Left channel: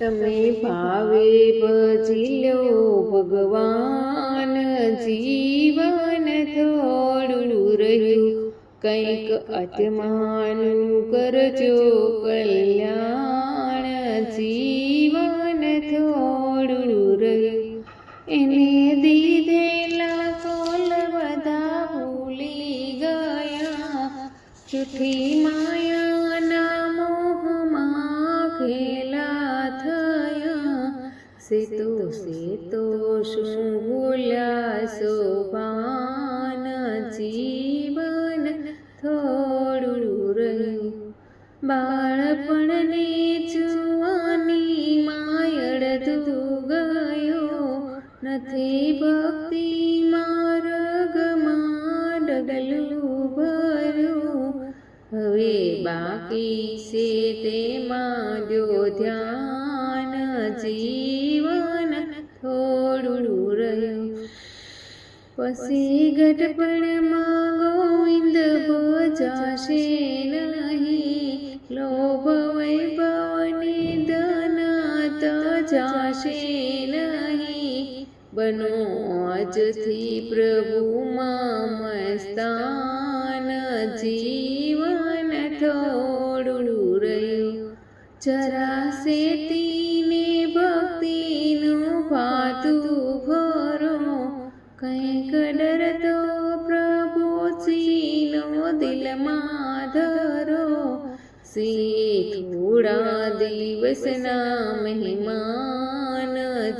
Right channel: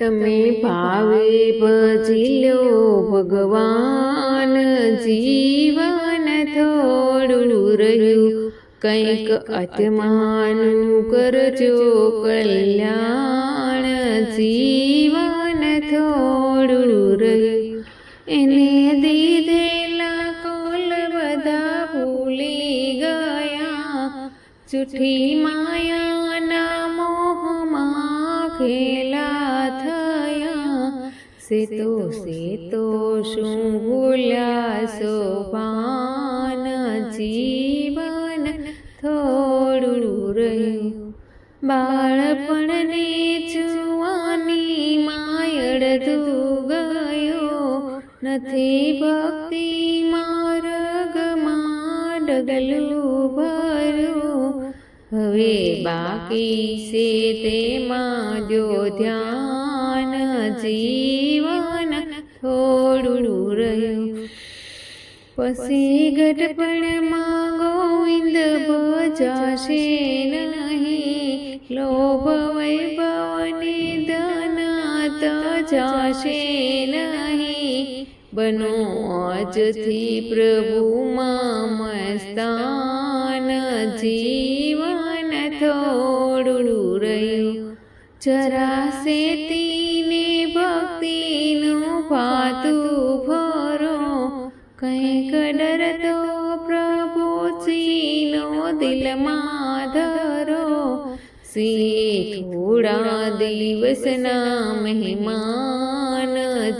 તમે ભાવે ભજી લો ભગવાન, જીવન થોડું રહ્યું કંઈક આત્માનું કરજો કલ્યાણ, જીવન થોડું રહ્યું. એને દીધેલા કોલ બધા ભૂલી ગયા, જૂઠી માયાના મોહમાં ઘેલા થયા. સેતો શું ભૂલ્યા સોપાન, જીવન થોડું રહ્યું. બાળપણને જુવાની માયડતું ગયો, નથી ભક્તિ માર્ગમાં ડગલું ભર્યું. હવે બાકી છે તેમાં દ્યો ધ્યાન, જીવન થોડું રહ્યું. પછી ગઢપણમાં ગોવિંદ ભજાશે નહીં, લોભ વૈભવને ધન તજાશે નહીં. બનો આજથી પ્રભુમાં મસ્તાન, જીવન થોડું રહ્યું. જરાશે તીને ભક્તિનું ભાતું ભરો, કંઈક ડરતો પ્રભુજીનો દિલમાં ધરો. થોડા દિવસના મહેમાન,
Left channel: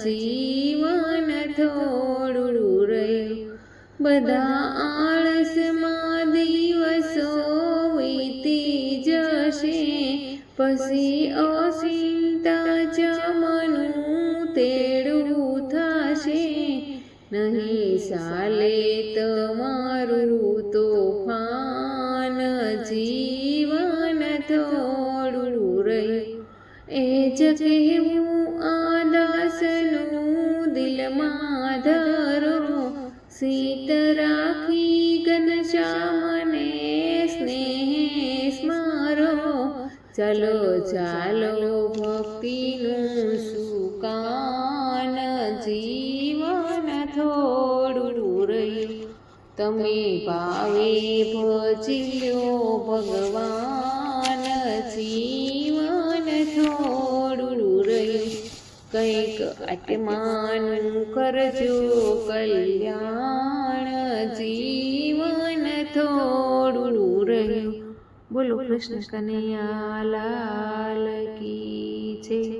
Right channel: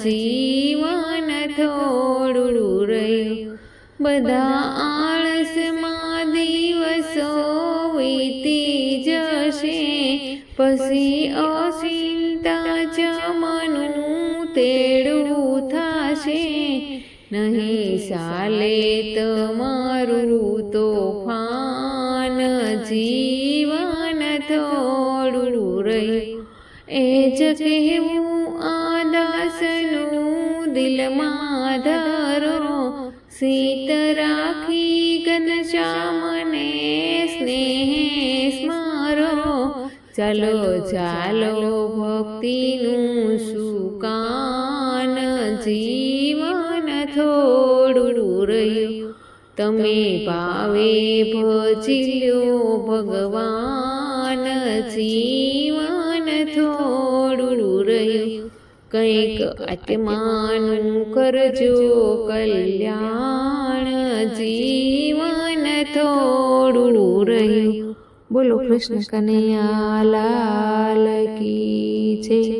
જીવન થોડું રહ્યું. બધા આળસમાં દિવસો વીતી જશે, પછી અચિંતા જમનું તેડું થશે. નહીં ચાલે તમારું તોફાન, જીવન થોડું રહ્યું. એ જ કહેવું આ દાસનું દિલમાં ધરો, સીત રાખી ઘનશ્યામને સ્નેહ સ્મરો. ચાલો ભક્તિનું સુકાન, જીવન થોડું રહ્યું. તમે ભાવે ભજી લો ભગવાન, જીવન થોડું રહ્યું. કંઈક આત્માનું કરજો કલ્યાણ, જીવન થોડું રહ્યું. બોલો કૃષ્ણ કનૈયા લાલ કી જય.